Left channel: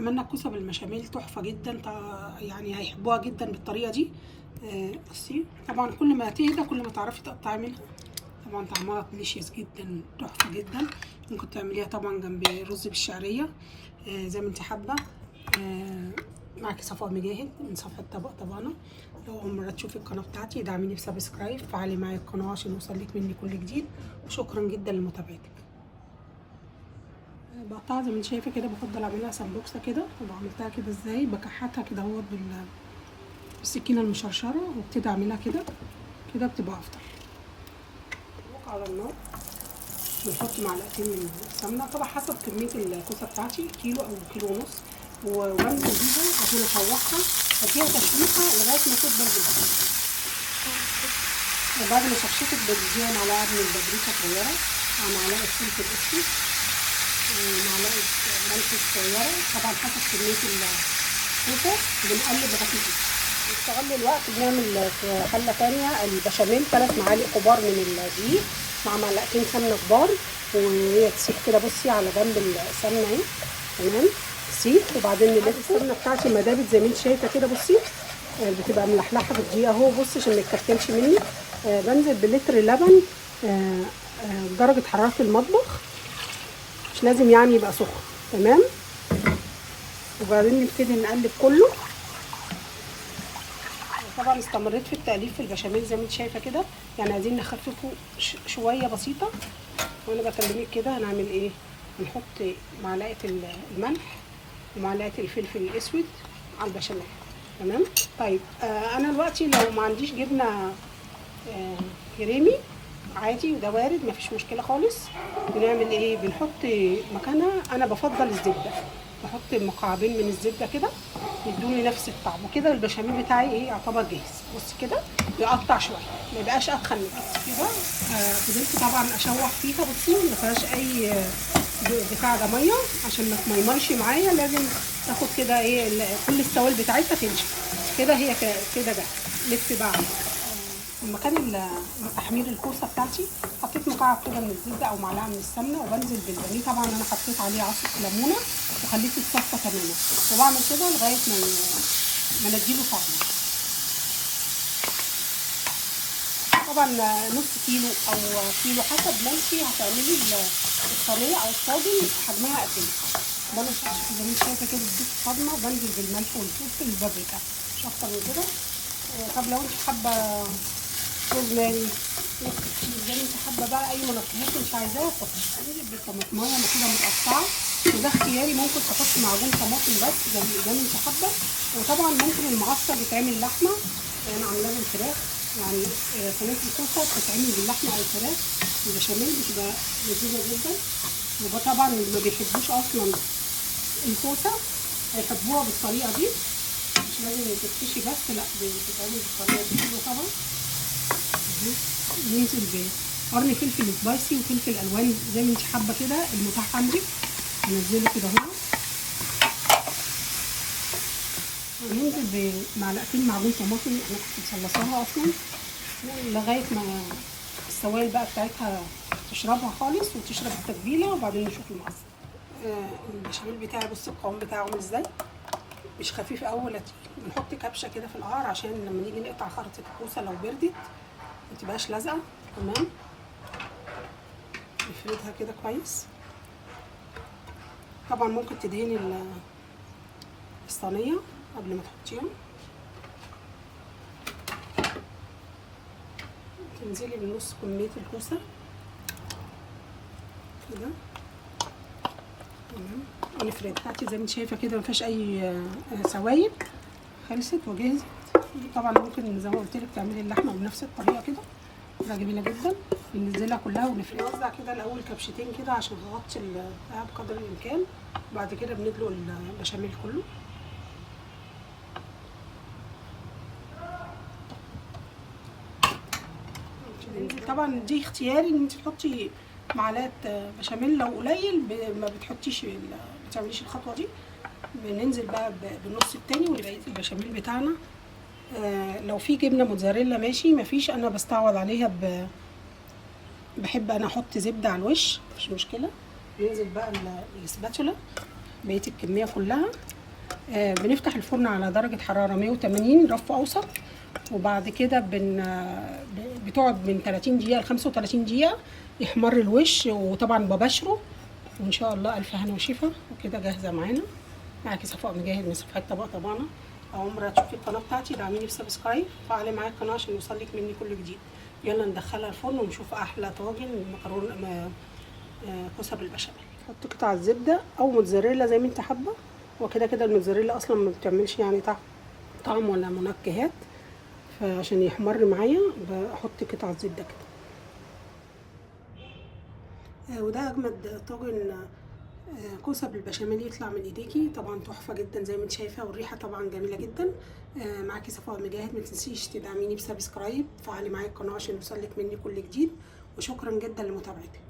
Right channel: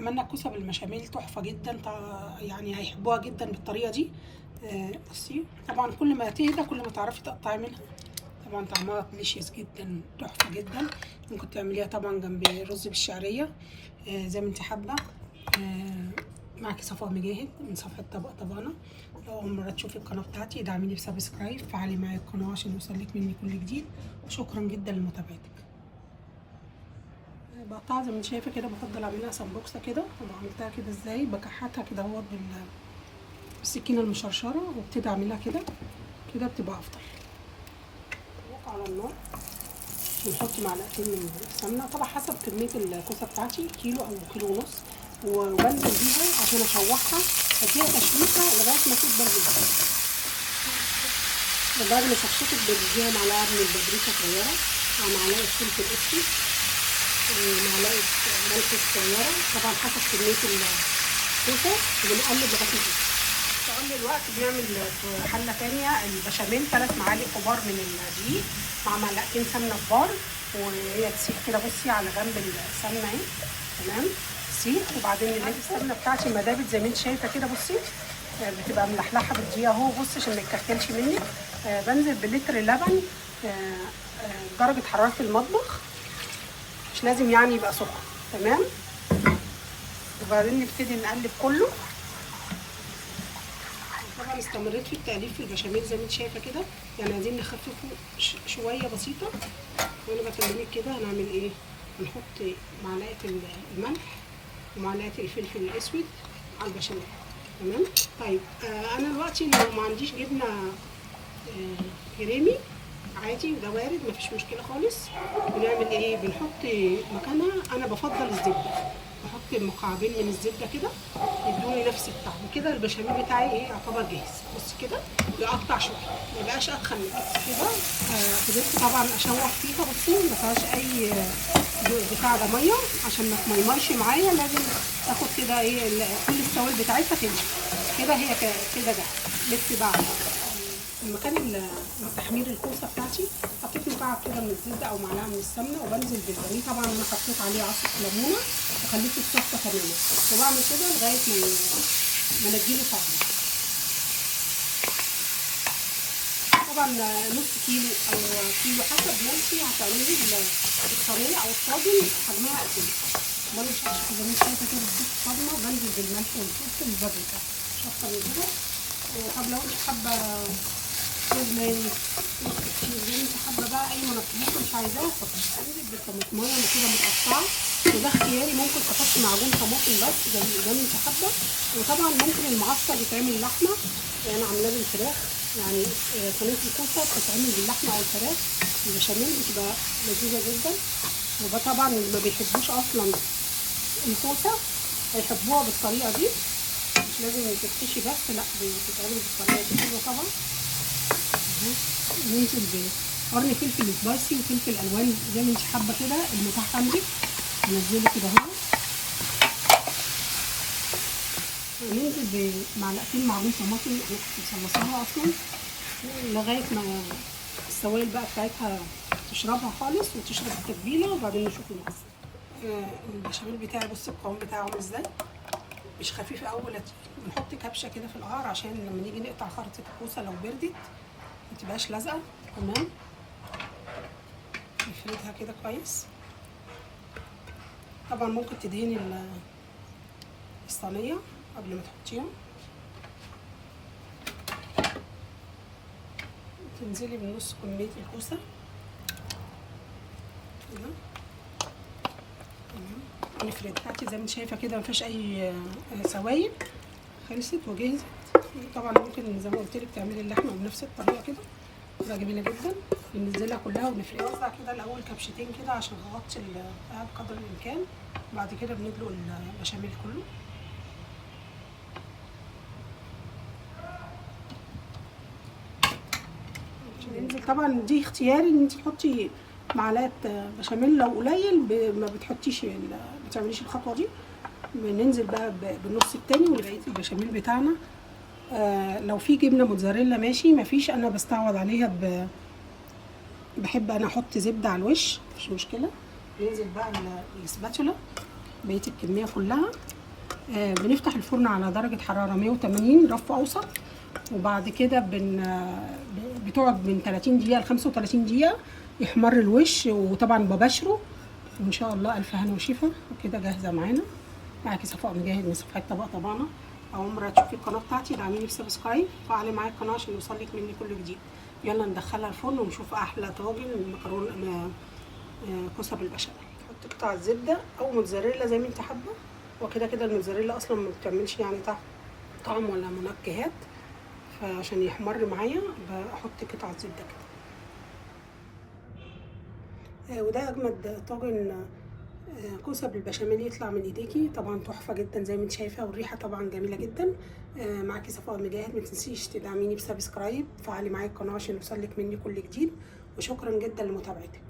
عملنا الكوسه بالبشاميل تحفه جدا، يعني هيحبوها جدا بالطريقه دي. بصي طبعا كل ما تهدى كل ما تعرفي تقطعي منها. طبعا طعمها ديليشيس جدا، تحفه جدا. ممكن تعمليها طبعا جنب رز بالشعريه زي ما انت حابه. معاكي صفاء مجاهد من صفحه طبق طبقنا. لو اول مره تشوفي القناه بتاعتي ادعميني بسبسكرايب، فعلي معايا القناه عشان يوصلك مني كل جديد، وشكرا جدا لمتابعتك. بقطعها زي ما انت شايفه كده، بفضل اعملها سمبوكسه كده. وعملتها كده ازاي؟ بكحتها كده اهوت بالسكينه المشرشره، وابتدي اعملها كده كده بتبقى افضل. على النار بنحط معلقتين من السمنه، طبعا حسب كميه الكوسه بتاعتي، كيلو او كيلو ونص، وبنزل بيها عشان اشوحها، اديها تشويحه لغايه ما تدبل جدا. وبعد ما تشوحت بديها معلقه من البابريكا صغيره، مع معلقه فلفل اسود، ومعلقه ملح صغيره، طبعا حسب كميه الكوسه. وبنقلب لغايه ما تدبل. استغل الوقت بيعمل في حله ثانيه البشاميل 3 معالق كبار من الدقيق مع معلقتين سمنه كبار، وهي تسيح كده. بصي على جنب السمنه اهي، تمام تسيح. وبعدين نضيف السمنه بتاعتي ما دابت زي ما انت شايفه كده. بصي بتبقى ملحلحه في الدقيق اهو. بصي عشان ما يتكتلش مني. بنزل بلتر لبن درجه حراره المطبخ، مش لازم يعني يبقى سخن، تمام. وبعدين نبتدي نقلب كله. طبعا استمريت في التقليب في البشاميل زي ما انت شايفه كده، يعني عايزين نخففه شويه بسيطه. وانا بكلمك كده هنعمل ايه؟ هنحط معلقه الملح ومعلقه الفلفل الاسود على البشاميل، تمام. طيب انا دلوقتي لو ما عنديش جبنه كريمي عادي، وده وارد مفيش مشكله خالص، بنعمل ايه؟ بنحط مكانها، انا بفضل الزبده، بحط مكعبين من الزبده كده يدوني نفس الطعم. وكده البشاميل بتاعي ايه؟ يعتبر جاهز. بص كده يقطع شويه، ما يبقاش اتخن كده. فضلت طبعا اشوح فيها. بصي ما فيهاش اي بتاع ده ميه، عشان ما تميمرش معايا. لازم تاخد كده ايه كل السوائل بتاعتها تنشف كده. هي كده جاهزه. لسه بقى مكان تحمير الكوسه بتاعتي حطيت مكعب كده من الزبده او معلقه من السمنه، وبنزل بالبانيه. طبعا انا حطيت عليه عصره ليمونه وخليته يتصفى تماما، وبعمل كده لغايه ما نديله طعم. طبعا نص كيلو او كيلو حسب ما انتي هتعملي الصينيه او الطاجن حجمها قد ايه. بنزل زي ما انت شايفه كده بديك صدمه، بنزل بالملح والفلفل والبابريكا مش اكتر من كده. طب لو انت حابه روزماري زي ما انت حابه بقى، اي منكهات مش عايزاها حطي. انزل بالطماطمايه كده متقطعه، وده اختياري. ممكن تحطي معجون طماطم بس زي ما انت حابه. وطبعا ممكن المعصر يتعمل لحمه، انا عاملاه بالفراخ. يعني صينيه الكوسه بتتعمل باللحمه او الفراخ البشاميل، بتبقى لذيذه جدا. وطبعا اللي ما بيحبوش اصلا الكوسه هيحبوها بالطريقه دي، مش لازم تتحشي بس، لا بتتعمل بالطريقه دي حلوه طبعا. ننزل بقرن فلفل سبايسي وفلفل الوان زي ما انت حابه كده المتاح عندك، ننزله كده اهو. وننزل بمعلقتين معجون طماطم انا كنت مصلصاها اصلا، لغايه ما السوائل بقى بتاعتها تشربها خالص وتشرب التتبيله. وبعدين نشوف المعصر. البشاميل بتاعي بص القوام بتاعه عامل ازاي، مش خفيف قوي ولا تقيل. بنحط كبشه كده في القعر عشان لما نيجي نقطع خرطه الكوسه لو بردت ما تبقاش لازقه، تمام. نفردها كده كويس. طبعا ممكن تدهني الصينيه قبل ما تحطيها. تنزلي بنص كميه الكوسه كده، تمام. نفردها. هاتي زي ما انت شايفه كده مفيش اي سوائل، خلصت وجهزت. طبعا ممكن زي ما قلت لك تعملي اللحمه بنفس الطريقه كده، تبقى جميله جدا. بننزلها كلها ونفردها. نوزع كده الاول كبشتين كده عشان نغطي البتاع بقدر الامكان. بعد كده بندلق البشاميل كله. طبعا دي اختياري ان انت تحطي معلقه بشاميل، لو قليل ما بتحطيش ما بتعمليش الخطوه دي. بننزل بقى بالنص التاني وبقيه البشاميل بتاعنا. لو في جبنه موتزاريلا ماشي، مفيش انا بستعوض عليها بحب انا احط زبده على الوش، مش مشكله. ننزل بقى السباتولا بقيه الكميه كلها. بنفتح الفرن على درجه حراره 180 رف اوسط، وبعد كده بتقعد من 30 دقيقه ل 35 دقيقه يحمر الوش، وطبعا ببشره. وان شاء الله الف هنا وشفا. وكده جاهزه معانا. معاكي صفاء مجاهد من صفحه طبق طبعنا. اول مره تشوفي القناه بتاعتي دعميني بسبسكرايب، فعلي معايا القناه عشان يوصلك مني كل جديد. يلا ندخلها الفرن ونشوف احلى طاجن مكرونه كوسه بالبشاميل. حط قطع الزبده او موتزاريلا زي ما انت حابه، وكده كده الموتزاريلا اصلا ما بتعملش يعني طعم ولا منكهات، فعشان يحمر معايا بحط قطع زبده كده. وده اجمد طاجن كوسه بالبشاميل يطلع من ايديكي، طبعا تحفه جدا زي ما انت شايفه، والريحه طبعا جميله جدا. معاكي صفاء مجاهد. ما تنسيش تدعميني بسبسكرايب، فعلي معايا القناه عشان يوصلك مني كل جديد، وشكرا جدا لمتابعتك.